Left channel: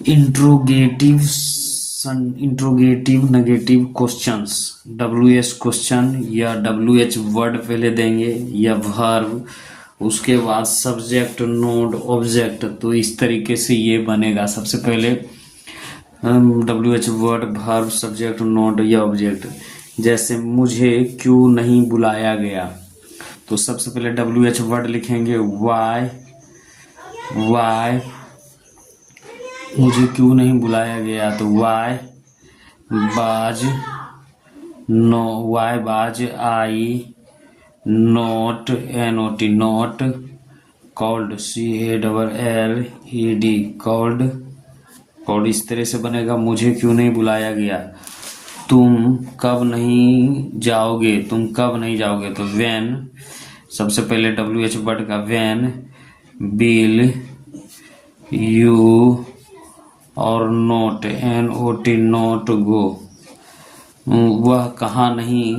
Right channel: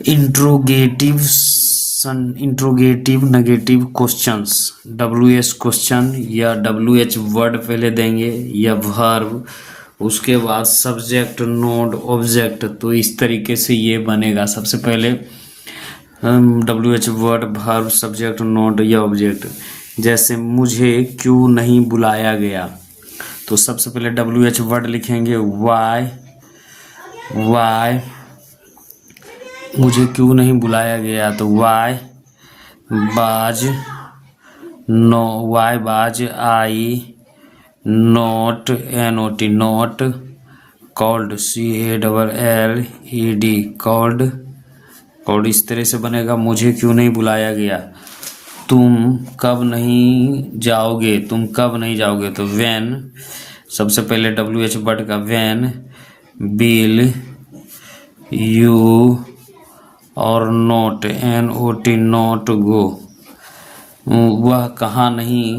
Interrogative negative questions, WH question या WH word पहले देंगे या वर्ब, उसके बाद सब्जेक्ट नोड ऑब्जेक्ट। तो इस तरीके से ये बनेगा। सबसे पहले WH word verb subject node या ऑब्जेक्ट। जैसे मुझे क्यों नहीं बुलाया गया, तो सबसे पहले WH वर्ड लिखेंगे वाई, मुझे क्यों नहीं बुलाया गया, तो why was I not NOT not called CALLED called. इस तरह से बनेगा। मुझे क्यों नहीं बुलाया गया। तुम कब नहीं जाओगे, तो व्हेन, सबसे पहले WH वर्ड का व्हेन विल यू और नोट NOT नोट गो। वह कहाँ नहीं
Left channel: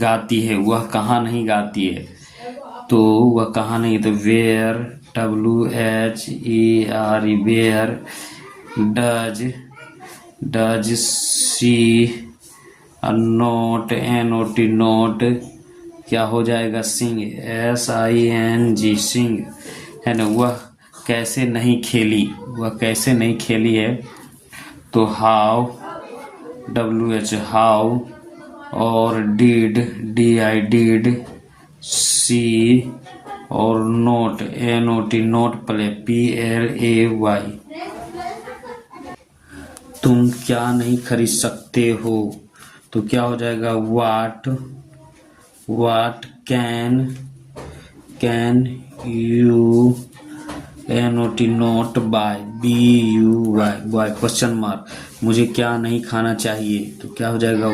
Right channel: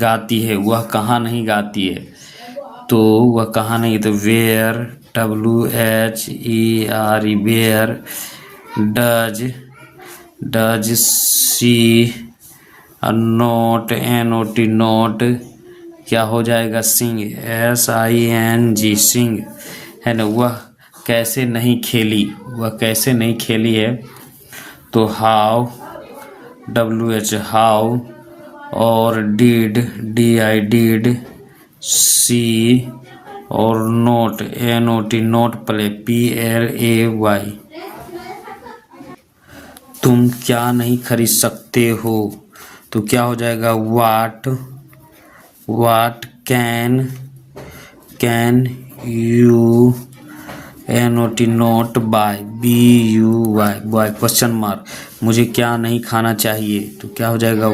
गाती है, तो वह कहाँ नहीं, तो where WHERE where. Does she not NOT not क्या हो जाएगा, सिंग SING सिंग, है ना। वह कैसे नहीं खेली है, तो हाउ WH हाउ और डिड सी और note NOT note play PLAY। तुम क्या नहीं खरीद सकते हो, तो क्या हो जाएगा what can you NOT not buy BUY buy question mark. मुझे क्या नहीं खाना चाहिए, तो क्या हो जाएगा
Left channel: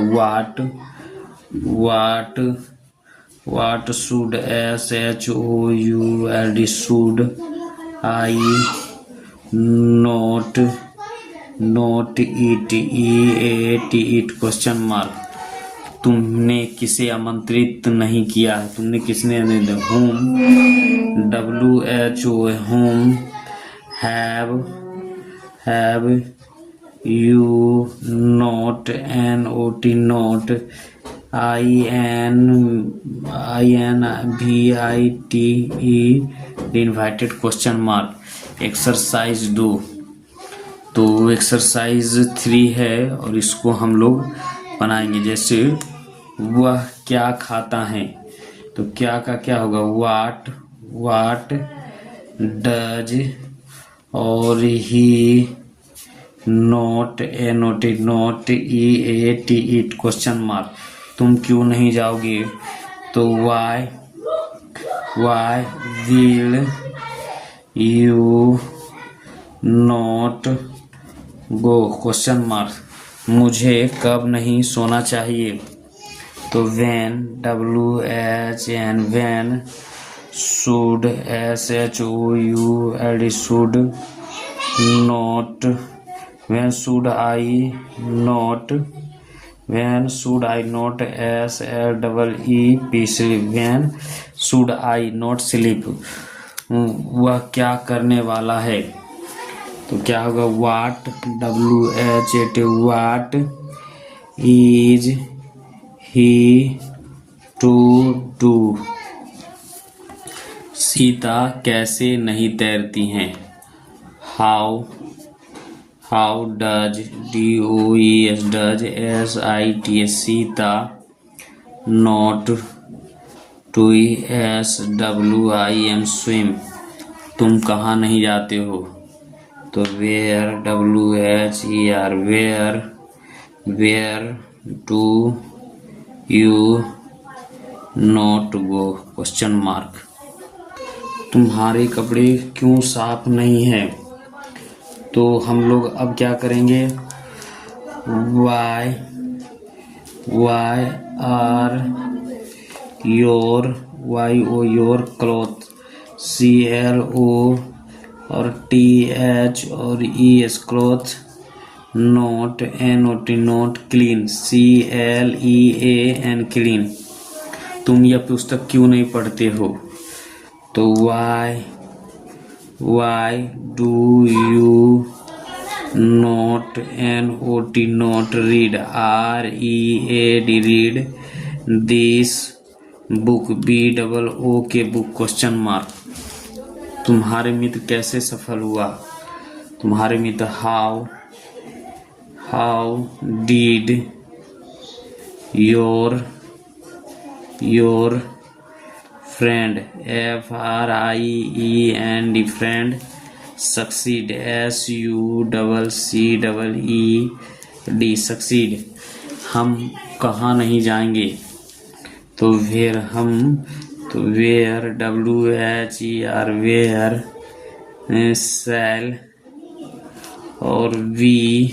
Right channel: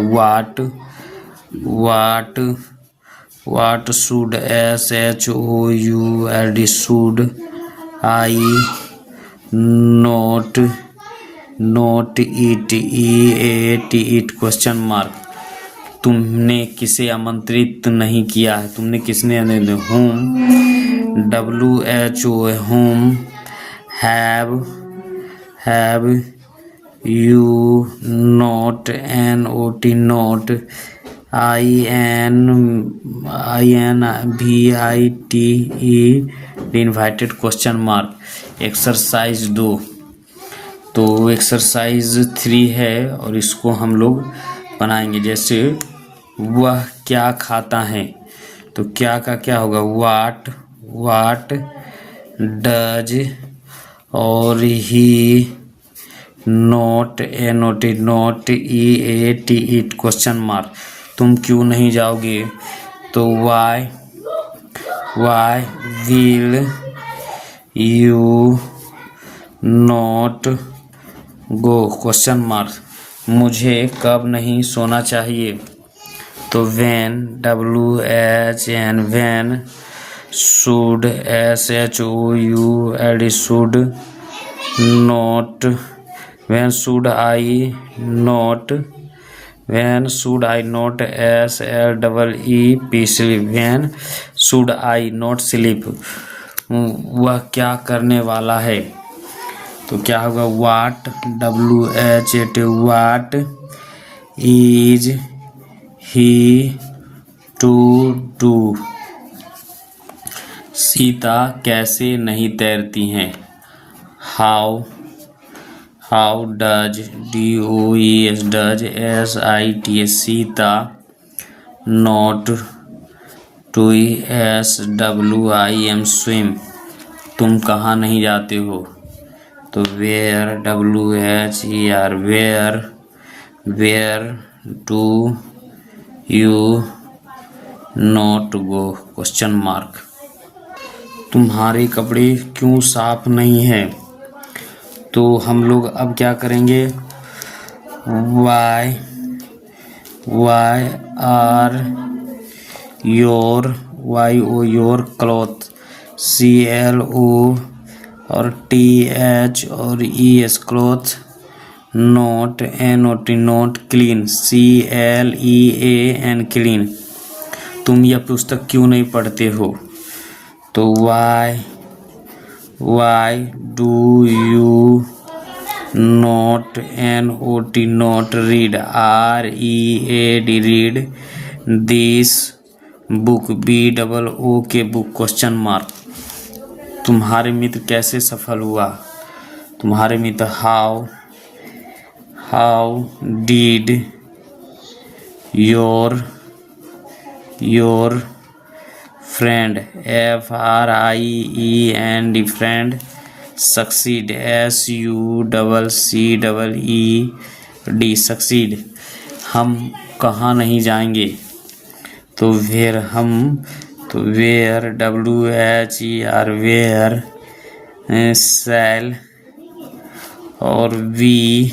what should SHOULD should I not EAT question mark. तुमने किसे आमंत्रित नहीं किया है, whom WHO whom have you not NOT not INVITE invited question mark. Exercise 2, तो एक्सरसाइज 3 है और इसको हम लोग बनाएंगे। जैसे वह क्या खाता है, तो क्या का क्या होगा वाट डज और he not NOT not EAT question mark. तुम क्यों नहीं जाओगे, तो why will you not go question mark. मुझे कब नहीं सोना चाहिए, तो when WHN when should SHOULD should not when should I not SLEEP sleep when should I not sleep. वह क्या करने वाला है, तो क्या होगा what WHAT what is he to do. Sita कैसे नहीं तैरती हैं, how does DOES does SITA Sita not SWIM swim. तुम कहाँ नहीं जाते हो, तो where WHER where do you not go question mark. तुम्हारे कपड़े क्यों साफ नहीं है, तो हम लोग अब क्या करेंगे why are your cloth CLO और TH और ES cloth not NOT not clean CLEAN clean. तुम यह पुस्तक क्यों नहीं पढ़ते हो, तो why do you not NOT not read READ read this book BOOK book question mark. तुम्हारे मित्र कैसे सफल हुआ? तुम्हारे मित्र how did your friend FRIEND friend succeed SUCCEED succeed. हम कहाँ नहीं जाएंगे? तो where where WHER where shall और वी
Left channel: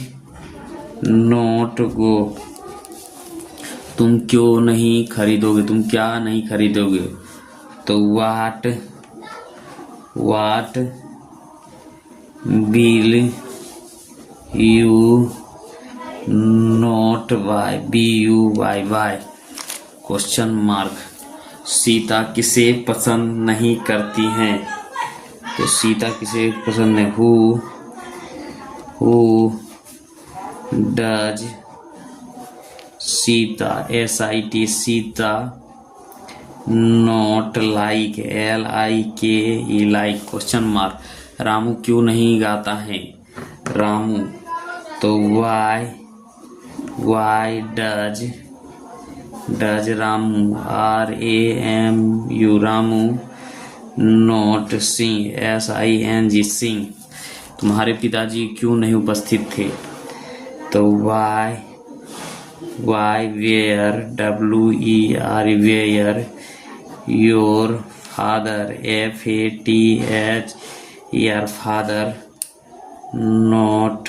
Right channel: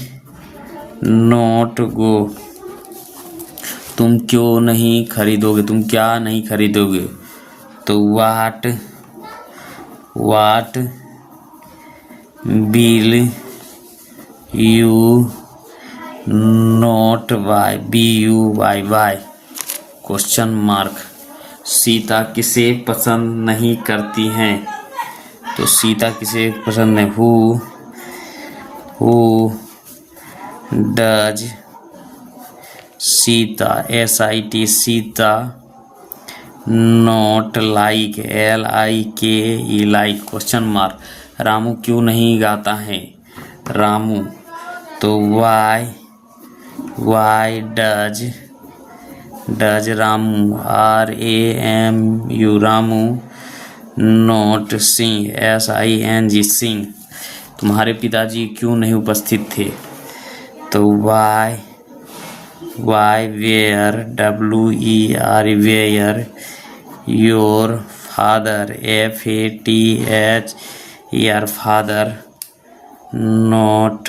नॉट गो। तुम क्यों नहीं खरीदोगे? तुम क्या नहीं खरीदोगे? तो what will you not buy BUY question mark. Sita किसे पसंद नहीं करती हैं? तो सीता किसे पसंद है? Who does Sita SIT Sita not like LIKE like question mark. Ramu क्यों नहीं गाता है? रामू तो why does Ramu RAMU Ramu not sing SING sing. तुम्हारे पिताजी क्यों नहीं उपस्थित थे? तो why were WER were your father FATHER father not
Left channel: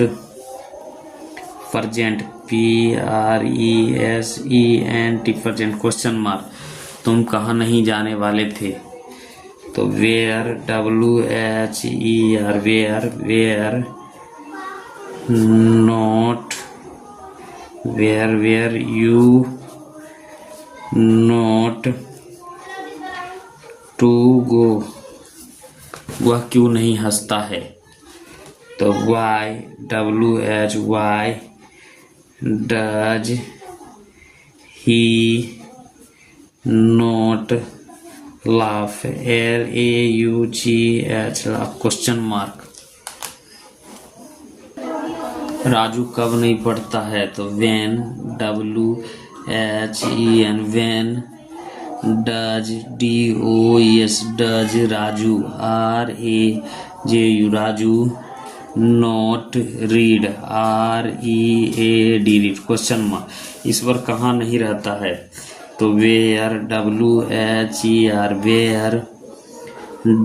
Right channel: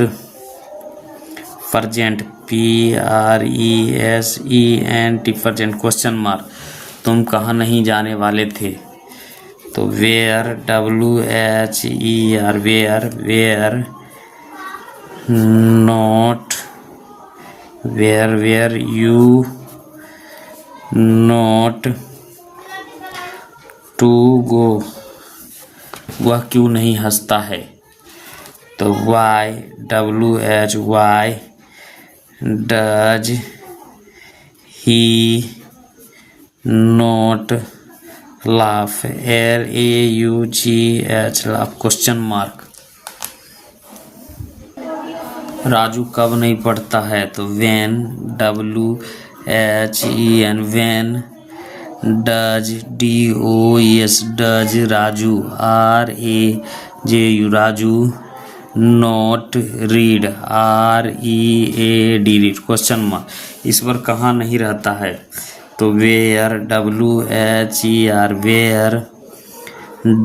present PRESENT present question mark. तुम कहाँ नहीं जाने वाले थे? तो where WHER where not were you not to go. वह क्यों नहीं हंसता है? तो WHY does he not laugh LAUGH laugh question mark. Raju कब नहीं पढ़ता है? तो when WHEN when does DOES does Raju RAJU Raju not read READ read question mark. ईश्वर कहाँ नहीं रहता है? तो where WHER where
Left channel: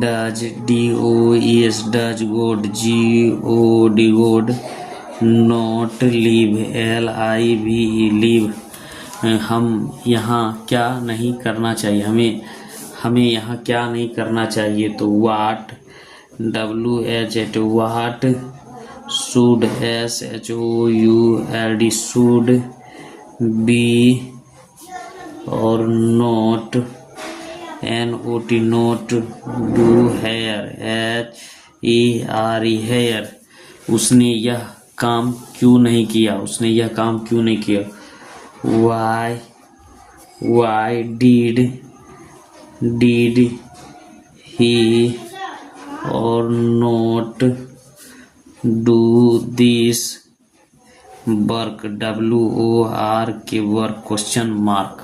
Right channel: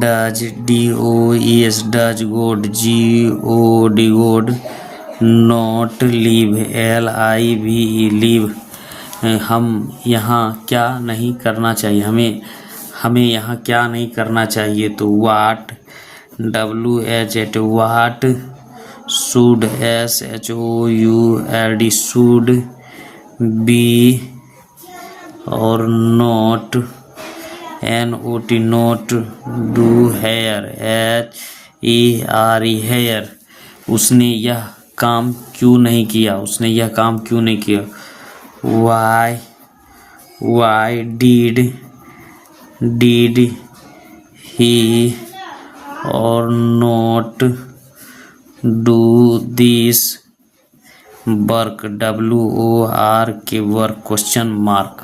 does DOES does God GOD God not live LIVE live. हम यहाँ क्या नहीं करना चाहिए? हमें यहाँ क्या नहीं करना चाहिए? तो what WH what should SHOULD should be और not NOT not do here HERE here. उसने यह काम क्यों नहीं किया? उसने यह काम क्यों नहीं किया? वाई डिड ही और not do this work WORK work question mark.